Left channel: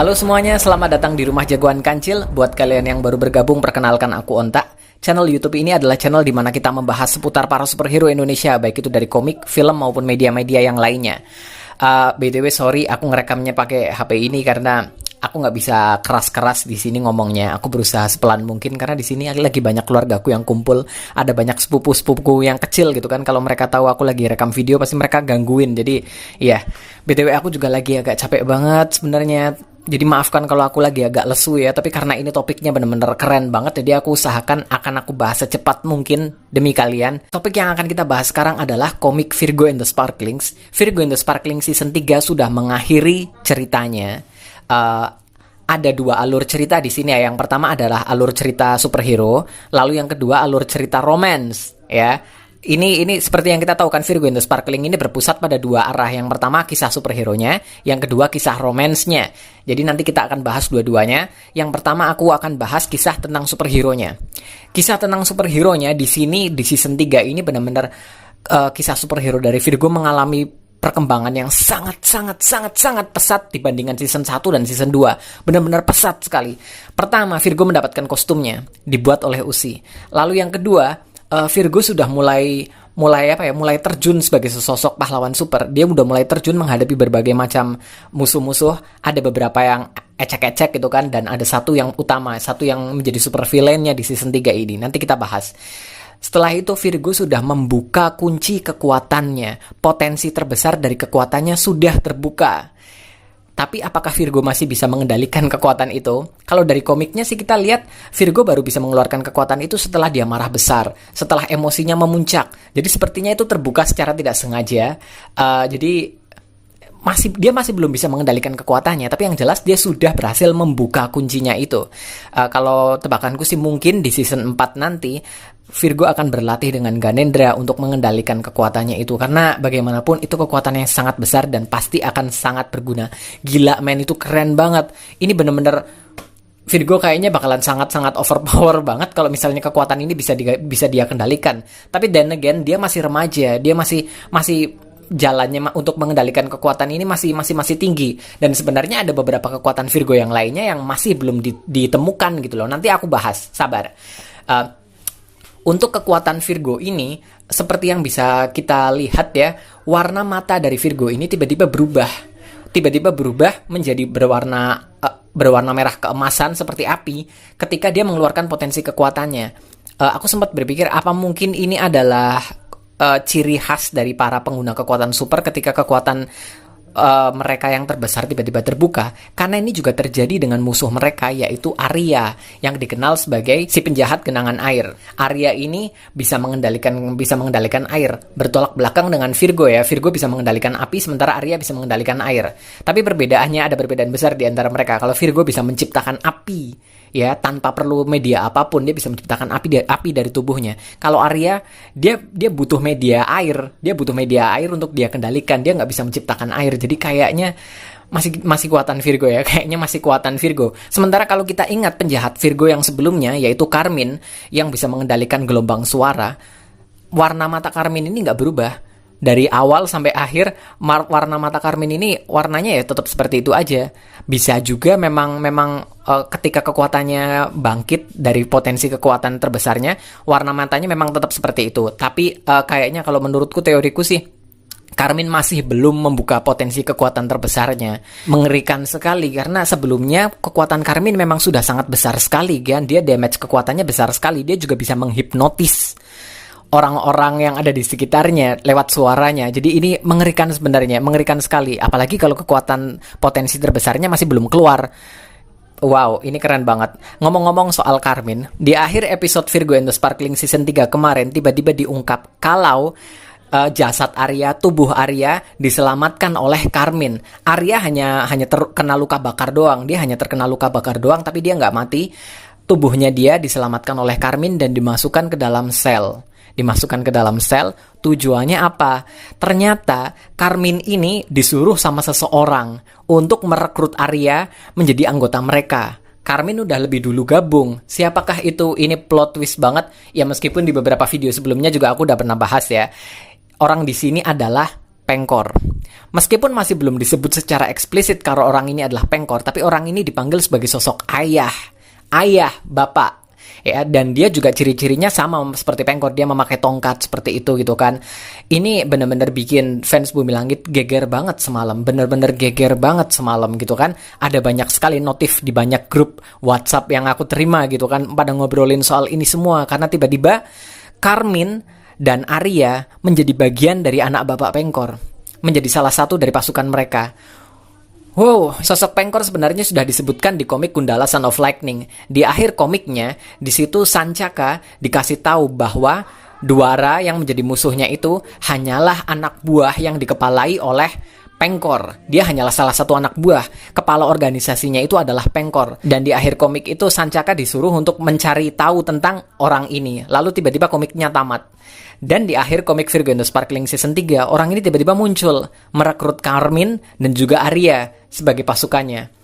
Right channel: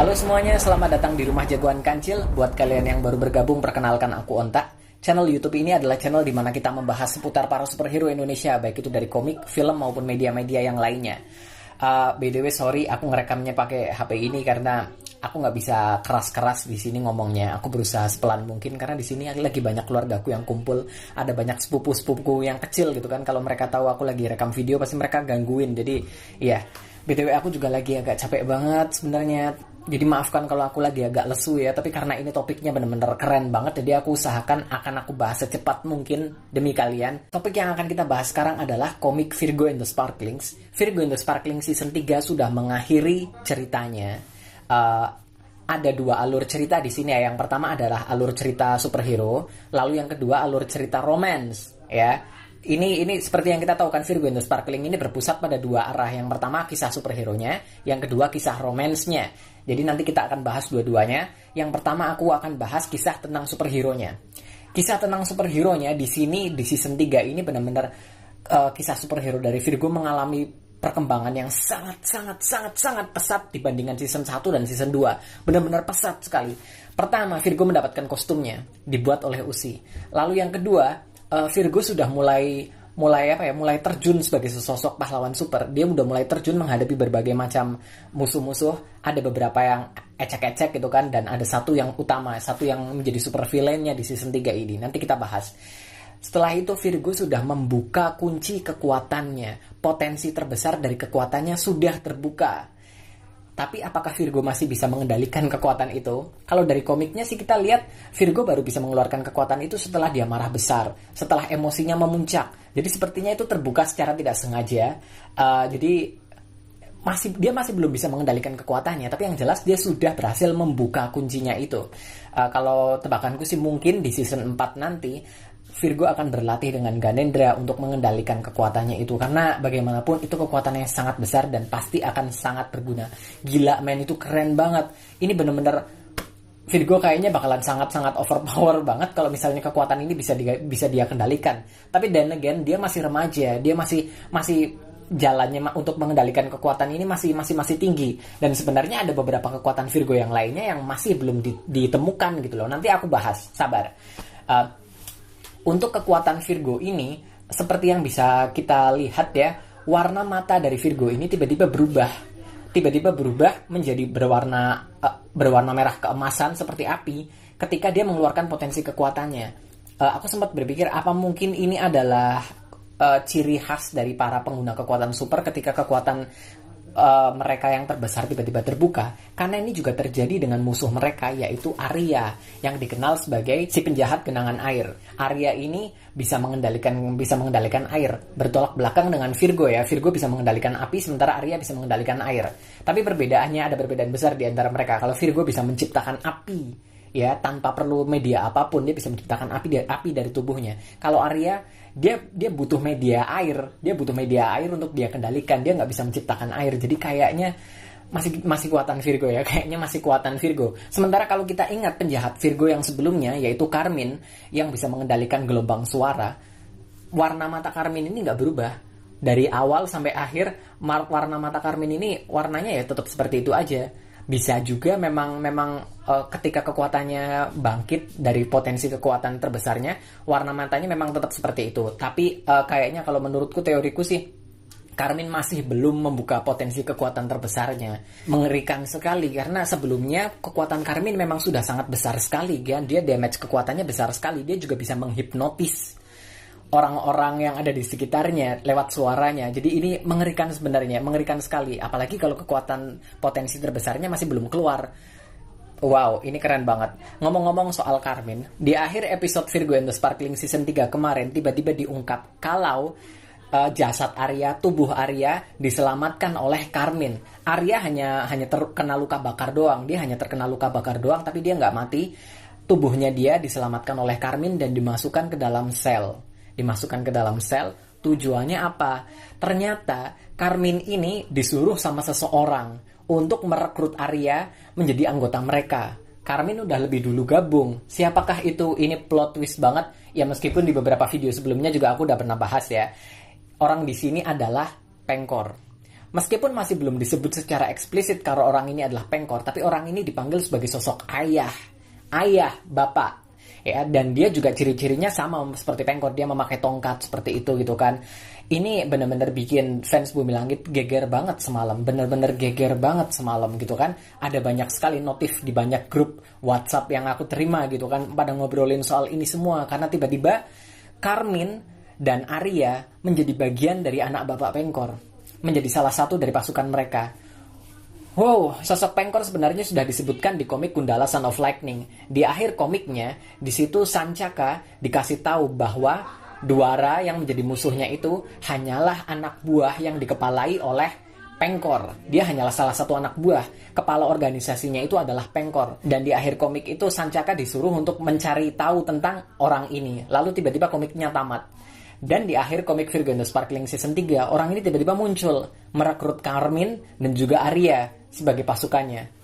Halo semuanya, selamat datang di Rumah Jagoan Kancil. Buat kalian yang baru bergabung, perkenalkan aku Onta. Channel YouTube ini adalah channel di mana kita membahas seputar para superhero Indonesia, baik itu dari komik, film, maupun media-media yang lainnya. BTW sorry, aku ngerekamnya pakai HP ini karena aku nggak bisa keras-keras di sini ngomongnya. Aku berusaha sepelan mungkin karena di sini lagi banyak keluargaku yang kumpul, ada banyak sepupu-sepupuku yang kecil gitu kan. Kalau mereka tahu aku lagi rekam video, pasti mereka gangguin. Jadi, iya. BTW aku juga lagi agak capek banget sebenarnya. Jadi maafkan kalau aku lagi agak lesu ya, tapi karena ini topiknya bener-bener keren banget, jadi aku usahakan akan aku bahas secepat mungkin demi kalian. Topik yang akan kita bahas sekarang adalah komik Virgo and the Sparklings. Virgo and the Sparklings season 3 sudah mengakhiri ceritanya. Ada dua alur cerita di sini ya. Yang pertama adalah alur cerita superhero, lalu yang kedua alur cerita romance ya. Ini seperti yang kita tahu kan, Virgo and the Sparkling ini berpusat pada dua arah. Yang pertama kisah superhero-nya, yang kedua kisah romance-nya. Jadi nanti kita akan bahas dua-duanya. Yang pertama aku akan bahas kisah tentang superhero-nya. Kisah tentang superhero-nya di sini di season 3 ini benar-benar kisah superhero dari Virgo mengalami perkembangan yang sangat pesat dibandingkan season 1 dan season 2. Benar-benar pesat sekali. Pertama, Virgo mendapatkan kostumnya dibuat oleh Usi. Lalu yang kedua, Virgo sudah mulai terjun sebagai sesosok pahlawan super. Dia udah mulai terjun menghadapi berbagai macam musuh-musuh. Ada beberapa yang ecek-ecek gitu kan, dan ada satu yang utama, satu yang menjadi super villainnya di season 3 ini. Nanti kita bahas. Setelah itu Virgo sudah membuka kunci kekuatannya. Potensi terbesar dari kekuatannya sudah terbuka. Tapi apakah Virgo masih bisa mengendalikan kekuatan itu? Kalau dari komiknya sih kita lihat Virgo baru bisa mengeluarkan kekuatan itu setelah dia marah besar, setelah emosinya memuncak. Jadi sepertinya itu terbuka secara tidak sengaja. Jadi dia masih belum bisa mengendalikan kekuatannya, tapi yang jelas dia sudah berhasil membuka kuncinya itu. Kalau tebakanku sih mungkin di season 4 nanti Virgo akan berlatih dengan Ganendra untuk mengendalikan kekuatannya itu, karena bagaimanapun itu kekuatan yang sangat besar dan pasti akan sangat berguna. Gila men, itu keren banget. Ini bener-bener Virgo kayaknya bakalan sangat-sangat overpower banget kalau misalnya kekuatan ini bisa dia kendalikan. Tapi then again dia masih remaja, dia masih jalannya untuk mengendalikan kekuatan ini masih tinggi, dan sebenarnya ada beberapa kekuatan Virgo yang lainnya yang masih belum ditemukan gitu loh. Nanti aku bahas, sabar. Untuk kekuatan Virgo ini, seperti yang bisa kita lihat ya, warna mata dari Virgo ini tiba-tiba berubah menjadi berwarna merah keemasan seperti api ketika dia mengeluarkan potensi kekuatannya. Aku sempat berpikir apa mungkin ini adalah ciri khas dari para pengguna kekuatan super ketika kekuatan mereka yang terbesar tiba-tiba terbuka, karena ini juga terjadi dengan musuh mereka, yaitu Arya yang dikenal sebagai si penjahat genangan air. Arya ini bisa mengendalikan air, bertolak belakang dengan Virgo ya. Virgo bisa mengendalikan api, sementara Arya bisa mengendalikan air. Tapi ada perbedaan besar di antara mereka. Kalau Virgo bisa menciptakan api ya, tanpa perlu media apapun, dia bisa menciptakan api dari tubuhnya. Kalau Arya, dia butuh media air, untuk dia kendalikan. Dia nggak bisa menciptakan air, jadi kayaknya masih kuatan Virgo ya, Sementara kalau kita ingat penjahat Virgo yang sebelumnya, yaitu Carmine, yang bisa mengendalikan gelombang suara, warna mata Carmine ini nggak berubah. Dari awal sampai akhir, warna mata Carmine ini warnanya ya tetap seperti itu aja. Bisa juga memang ketika kekuatannya bangkit dari potensi kekuatan terbesarnya, warna matanya memang tetap seperti itu. Tapi kayaknya kalau menurutku, teoriku sih, Carmine masih belum membuka potensi kekuatan terbesarnya. Mengerikan sekali karena sebelumnya kekuatan Carmine memang sudah sangat besar sekali kan. Dia damage kekuatannya besar sekali. Dia juga bisa menghipnotis orang-orang yang ada di sekitarnya lewat suaranya. Jadi ini mengerikan sebenarnya, mengerikan sekali. Apalagi kalau kekuatan potensi terbesarnya masih belum keluar. Wow, ini keren banget. Ngomong-ngomong soal Carmine, di akhir episode Virgo and the Sparkling season 3 kemarin tiba-tiba diungkap kalau jasad Arya, tubuh Arya diselamatkan oleh Carmine. Arya hanya terkena luka bakar doang. Dia hanya terkena luka bakar doang, tapi dia nggak mati. Tubuhnya dia diselamatkan oleh Carmine dan dimasukkan ke dalam sel. Tujuannya apa? Ternyata Carmine ini disuruh sama seseorang untuk merekrut Arya menjadi anggota mereka. Carmine udah lebih dulu gabung. Siapakah itu? Ini plot twist banget. Ya meskipun di beberapa video sebelumnya juga aku udah pernah bahas ya. Orang di sini adalah Pengkor. Meskipun masih belum disebut secara eksplisit kalau orang ini adalah Pengkor, tapi orang ini dipanggil sebagai sosok ayah, bapak. Ya, dan dia juga ciri-cirinya sama seperti Pengkor, dia memakai tongkat seperti itu gitu kan. Ini benar-benar bikin fans Bumi Langit geger banget semalam, benar-benar geger banget semalam gitu kan. Ada banyak sekali notif di banyak grup WhatsApp yang aku terima gitu kan, pada ngobrolin soal ini semua karena tiba-tiba Karmin dan Arya menjadi bagian dari anak bapak Pengkor, menjadi salah satu dari pasukan mereka. Wow, sosok Pengkor sebenarnya sudah disebutkan di komik Gundala Son of Lightning. Di akhir komiknya, di situ Sancaka dikasih tahu bahwa Dwara yang menjadi musuhnya itu hanyalah anak buah yang dikepalai oleh Pengkor. Dia hanyalah salah satu anak buah. Kepala organisasinya itu adalah Pengkor. Dan di akhir komik itu Sancaka disuruh untuk mencari tahu tentang orang ini. Lalu tiba-tiba komiknya tamat. Dan di akhir komik Virgo and the Sparkling Season 3, orang ini tiba-tiba muncul, merekrut Karmin dan juga Arya sebagai pasukannya.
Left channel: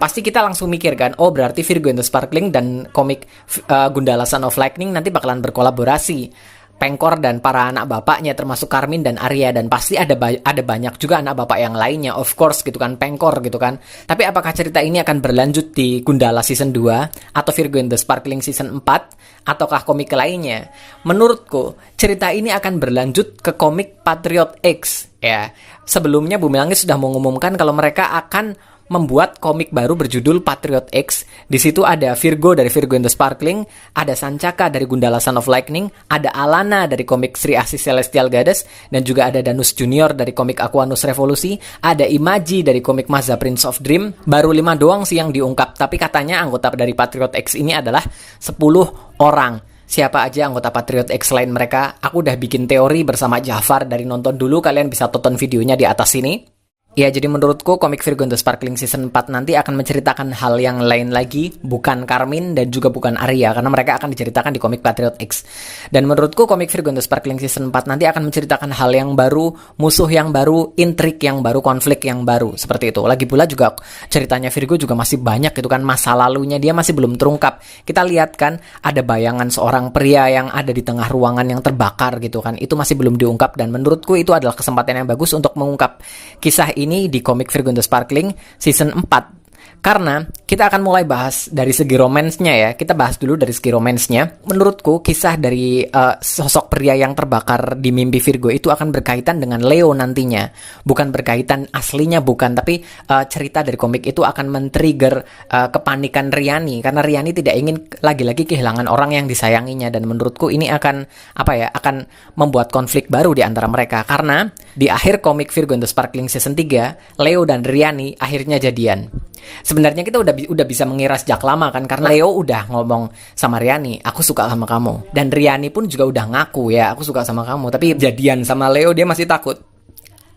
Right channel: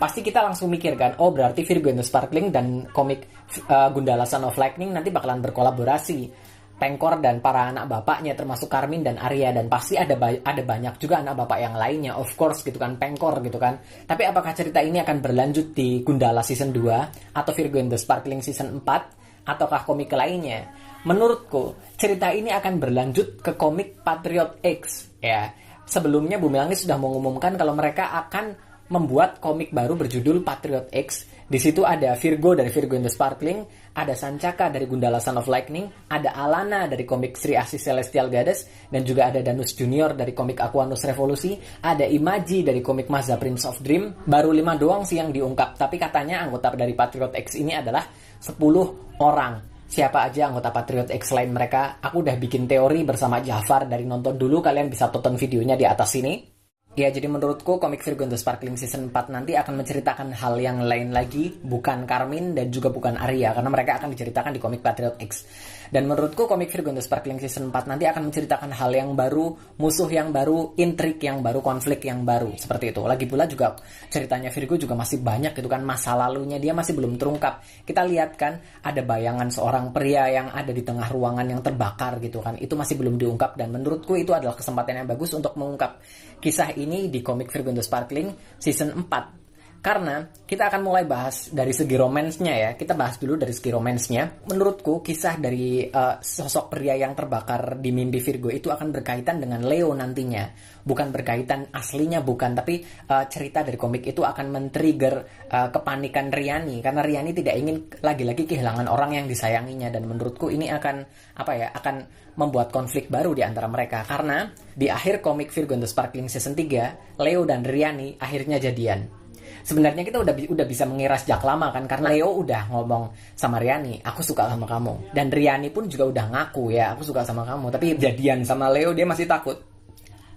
Pasti kita langsung mikir kan, oh berarti Virgo and the Sparkling dan komik Gundala Son of Lightning nanti bakalan berkolaborasi. Pengkor dan para anak bapaknya termasuk Karmin dan Arya, dan pasti ada banyak juga anak bapak yang lainnya, of course gitu kan, Pengkor gitu kan. Tapi apakah cerita ini akan berlanjut di Gundala Season 2 atau Virgo and the Sparkling Season 4 ataukah komik lainnya? Menurutku cerita ini akan berlanjut ke komik Patriot X ya. Sebelumnya Bumi Langit sudah mengumumkan kalau mereka akan membuat komik baru berjudul Patriot X. Di situ ada Virgo dari Virgo and the Sparkling, ada Sancaka dari Gundala Son of Lightning, ada Alana dari komik Sri Asih Celestial Goddess, dan juga ada Danus Junior dari komik Aquanus Revolusi, ada Imaji dari komik Mazza Prince of Dream. Baru 5 doang sih yang diungkap, tapi katanya anggota dari Patriot X ini adalah 10 orang. Siapa aja anggota Patriot X selain mereka? Aku udah bikin teori bersama Jafar dari nonton dulu, kalian bisa tonton videonya di atas sini. Ya, jadi menurutku komik Virgo and the Sparkling Season 4 nanti akan menceritakan hal yang lain lagi, bukan Karmin dan juga bukan Arya, karena mereka akan diceritakan di komik Patriot X. Dan menurutku komik Virgo and the Sparkling Season 4 nanti akan menceritakan hal yang baru, musuh yang baru, intrik yang baru, konflik yang baru, seperti itu. Lagi pula juga ceritanya Virgo juga masih banyak gitu kan, masa lalunya dia masih belum terungkap. Kita lihat kan, ada bayangan seorang pria yang ada di tengah ruangan yang terbakar gitu kan, itu masih belum diungkap, dan menurutku itu adalah kesempatan yang bagus untuk mengungkap kisah ini di komik Virgo and the Sparkling Season 4. Karena kita akan mulai bahas dari segi romansnya ya. Kita bahas dulu dari segi romansnya. Menurutku kisah dari sosok pria yang terbakar di mimpi Virgo itu akan berkaitan dengan Leo nantinya. Bukan berkaitan aslinya, bukan. Tapi cerita dari komik itu akan men-trigger kepanikan Riani. Karena Riani tidak ingin lagi-lagi kehilangan orang yang disayanginya. Dan menurutku ini akan akan membuat konflik baru di antara mereka. Karena di akhir komik Virgo and the Sparkling Season 3, Leo dan Riani akhirnya jadian. Sebenarnya kita udah bisa mengira sejak lama kan, karena Leo udah ngomong sama Riani, aku suka sama kamu. Dan Riani pun juga udah ngaku ya, aku suka sama kamu. Tapi jadian sama Leo dia masih takut.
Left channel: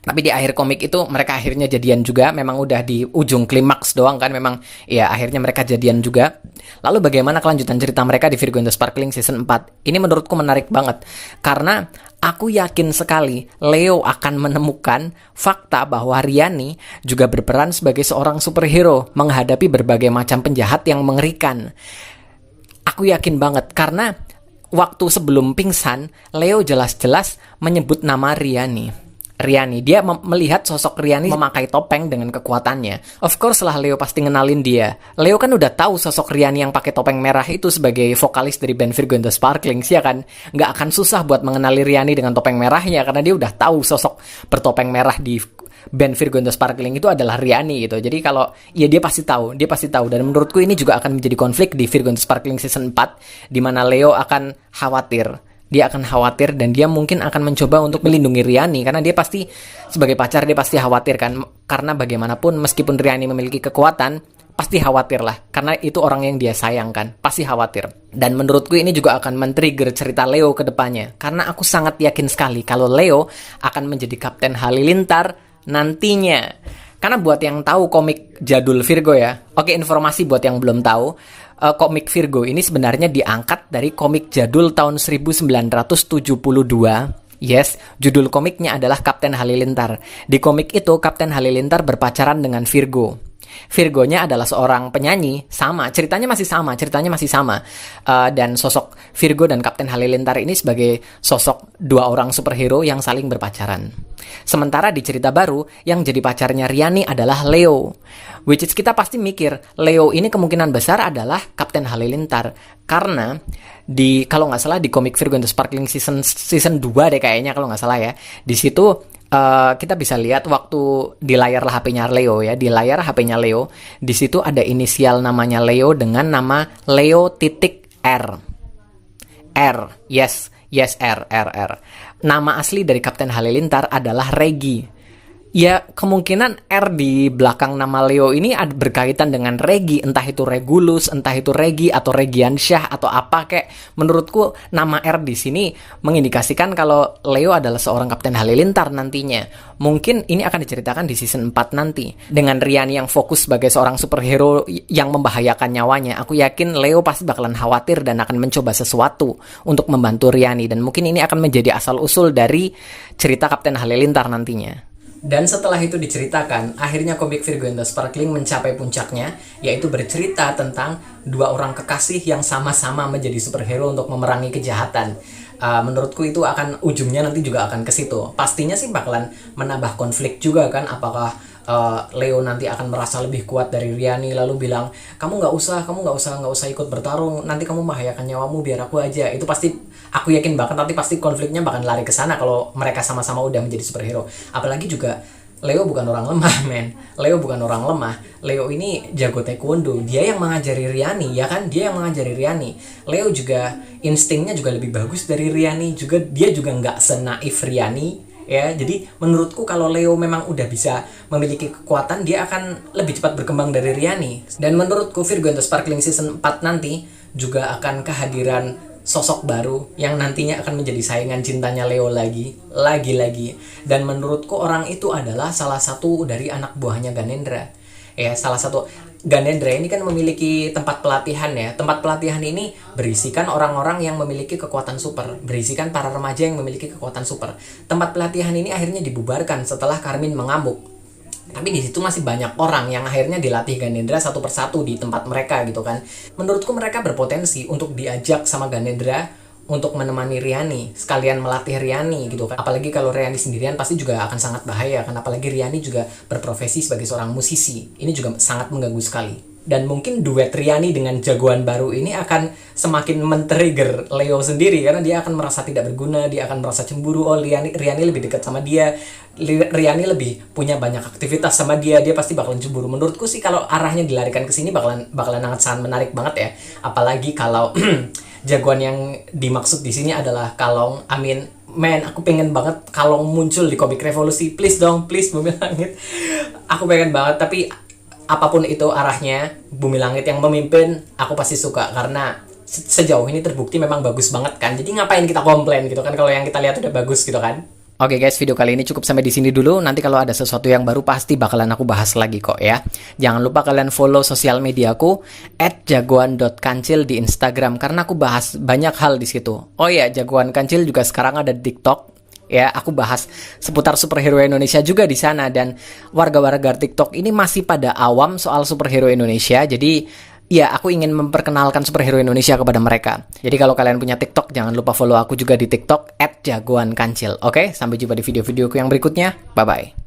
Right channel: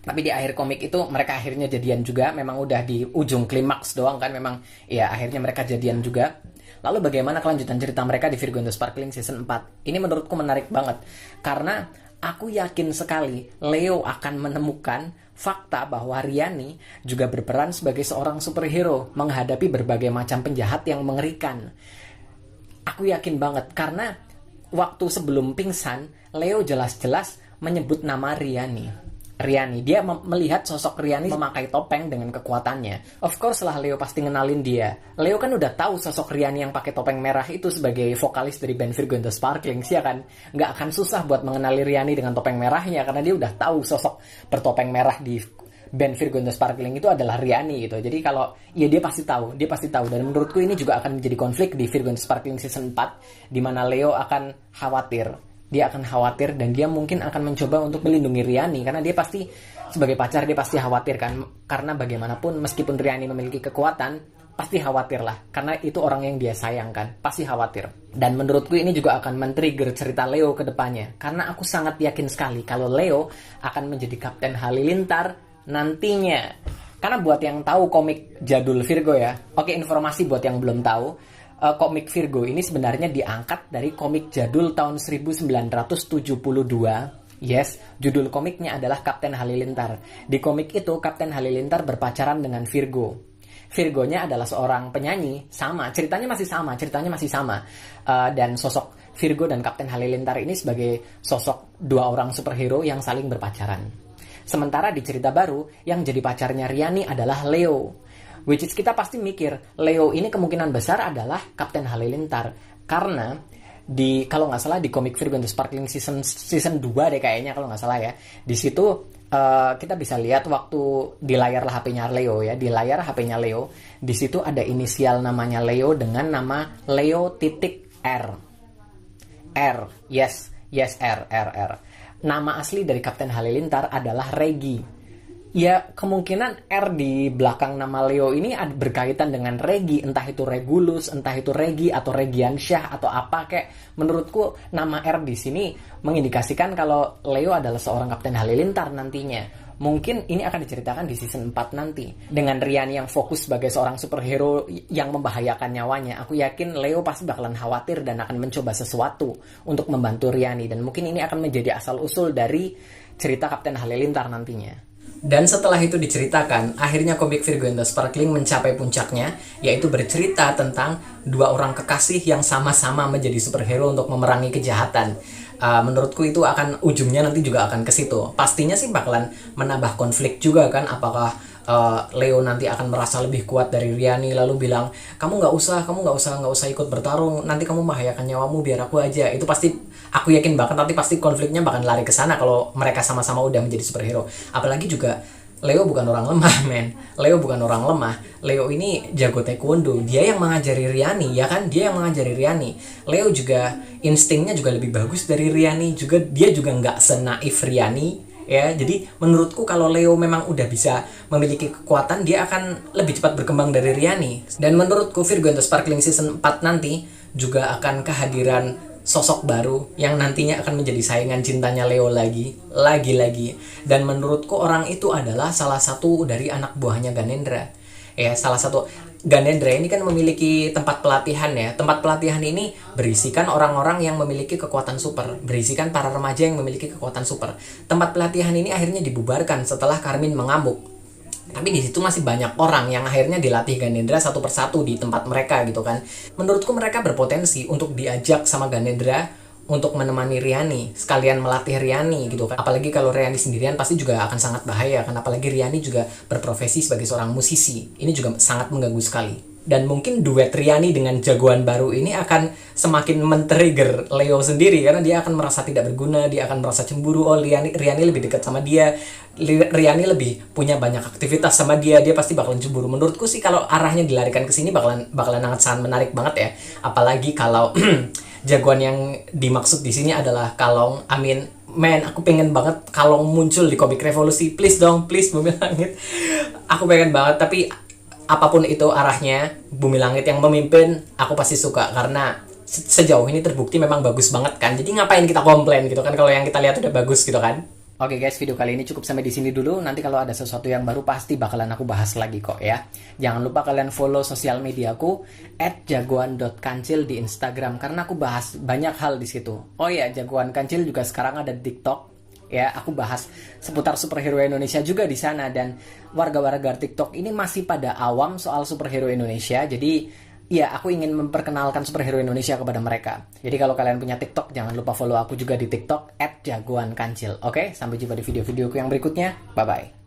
Tapi di akhir komik itu mereka akhirnya jadian juga. Memang udah di ujung klimaks doang kan, memang ya akhirnya mereka jadian juga. Lalu bagaimana kelanjutan cerita mereka di Virgo and the Sparkling Season 4? Ini menurutku menarik banget, karena aku yakin sekali Leo akan menemukan fakta bahwa Riani juga berperan sebagai seorang superhero menghadapi berbagai macam penjahat yang mengerikan. Aku yakin banget, karena waktu sebelum pingsan, Leo jelas-jelas menyebut nama Riani. Dia melihat sosok Riani memakai topeng dengan kekuatannya. Of course lah Leo pasti ngenalin dia. Leo kan udah tahu sosok Riani yang pakai topeng merah itu sebagai vokalis dari band Virgo and the Sparkling sih ya kan. Nggak akan susah buat mengenali Riani dengan topeng merahnya, karena dia udah tahu sosok bertopeng merah di band Virgo and the Sparkling itu adalah Riani gitu. Jadi kalau ya dia pasti tahu. Dan menurutku ini juga akan menjadi konflik di Virgo and the Sparkling Season 4, di mana Leo akan khawatir. Dia akan khawatir dan dia mungkin akan mencoba untuk melindungi Riani, karena dia pasti sebagai pacar dia pasti khawatir kan, karena bagaimanapun meskipun Riani memiliki kekuatan pasti khawatir lah, karena itu orang yang dia sayangkan, pasti khawatir. Dan menurutku ini juga akan men-trigger cerita Leo ke depannya, karena aku sangat yakin sekali kalau Leo akan menjadi Kapten Halilintar nantinya. Karena buat yang tahu komik jadul Virgo ya, oke, informasi buat yang belum tahu, komik Virgo ini sebenarnya diangkat dari komik jadul tahun 1972. Yes, judul komiknya adalah Kapten Halilintar. Di komik itu Kapten Halilintar berpacaran dengan Virgo. Virgonya adalah seorang penyanyi, ceritanya masih sama. Dan sosok Virgo dan Kapten Halilintar ini sebagai sosok dua orang superhero yang saling berpacaran. Sementara di cerita baru, yang jadi pacarnya Riani adalah Leo. Which is kita pasti mikir, Leo ini kemungkinan besar adalah Kapten Halilintar. Karena kalau nggak salah di komik Virgo and the Sparkling season 2 deh kayaknya kalau nggak salah ya. Di situ kita bisa lihat waktu di layar HP-nya Leo ya, di layar HP-nya Leo, di situ ada inisial namanya Leo dengan nama Leo titik R. R, yes, R. Nama asli dari Kapten Halilintar adalah Regi. Ya, kemungkinan R di belakang nama Leo ini berkaitan dengan Regi, entah itu Regulus, entah itu Regi atau Regiansyah atau apa kayak. Menurutku nama R di sini mengindikasikan kalau Leo adalah seorang Kapten Halilintar nantinya. Mungkin ini akan diceritakan di season 4 nanti. Dengan Riani yang fokus sebagai seorang superhero yang membahayakan nyawanya, aku yakin Leo pasti bakalan khawatir dan akan mencoba sesuatu untuk membantu Riani. Dan mungkin ini akan menjadi asal-usul dari cerita Kapten Halilintar nantinya. Dan setelah itu diceritakan, akhirnya komik Virgo and the Sparkling mencapai puncaknya, yaitu bercerita tentang dua orang kekasih yang sama-sama menjadi superhero untuk memerangi kejahatan. Menurutku itu akan ujungnya nanti juga akan ke situ. Pastinya sih bakalan menambah konflik juga kan, apakah Leo nanti akan merasa lebih kuat dari Riani lalu bilang kamu nggak usah ikut bertarung, nanti kamu membahayakan nyawamu, biar aku aja. Itu pasti aku yakin banget nanti pasti konfliknya bakal lari ke sana kalau mereka sama-sama udah menjadi superhero. Apalagi juga Leo bukan orang lemah, men. Leo bukan orang lemah. Leo ini jago taekwondo. Dia yang mengajari Riani, ya kan? Dia yang mengajari Riani. Leo juga instingnya juga lebih bagus dari Riani. Dia juga nggak senaif Riani. Ya, jadi menurutku kalau Leo memang udah bisa memiliki kekuatan, dia akan lebih cepat berkembang dari Riani. Dan menurutku Virgo and the Sparkling season 4 nanti juga akan kehadiran sosok baru yang nantinya akan menjadi saingan cintanya Leo lagi. Dan menurutku orang itu adalah salah satu dari anak buahnya Ganendra. Ya, salah satu. Ganendra ini kan memiliki tempat pelatihan ya. Tempat pelatihan ini berisikan orang-orang yang memiliki kekuatan super, berisikan para remaja yang memiliki kekuatan super. Tempat pelatihan ini akhirnya dibubarkan setelah Karmin mengamuk. Tapi di situ masih banyak orang yang akhirnya dilatih Ganendra satu persatu di tempat mereka gitu kan. Menurutku mereka berpotensi untuk diajak sama Ganendra untuk menemani Riani, sekalian melatih Riani gitu kan. Apalagi kalau Riani sendirian pasti juga akan sangat bahaya kan. Apalagi Riani juga berprofesi sebagai seorang musisi. Ini juga sangat mengganggu sekali. Dan mungkin duet Riani dengan jagoan baru ini akan semakin men-trigger Leo sendiri, karena dia akan merasa tidak berguna, dia akan merasa cemburu. Oh, Riani lebih dekat sama dia, Riani lebih punya banyak aktivitas sama dia pasti bakalan cemburu. Menurutku sih kalau arahnya dilarikan ke sini bakalan sangat menarik banget ya. Apalagi kalau jagoan yang dimaksud di sini adalah Kalong. Amin. Man, aku pengen banget Kalong muncul di komik Revolusi. Please dong, please Bumi Langit. Aku pengen banget, tapi apapun itu arahnya, Bumi Langit yang memimpin, aku pasti suka. Karena sejauh ini terbukti memang bagus banget kan. Jadi ngapain kita komplain gitu kan, kalau yang kita lihat udah bagus gitu kan. Oke guys, video kali ini cukup sampai di sini dulu. Nanti kalau ada sesuatu yang baru pasti bakalan aku bahas lagi kok ya. Jangan lupa kalian follow sosial mediaku @jagoan.kancil di Instagram karena aku bahas banyak hal di situ. Oh iya, Jagoan Kancil juga sekarang ada di TikTok. Ya, aku bahas seputar superhero Indonesia juga di sana, dan warga-warga TikTok ini masih pada awam soal superhero Indonesia. Jadi ya, aku ingin memperkenalkan superhero Indonesia kepada mereka. Jadi kalau kalian punya TikTok, jangan lupa follow aku juga di TikTok @jagoankancil. Oke, sampai jumpa di video-videoku yang berikutnya. Bye-bye.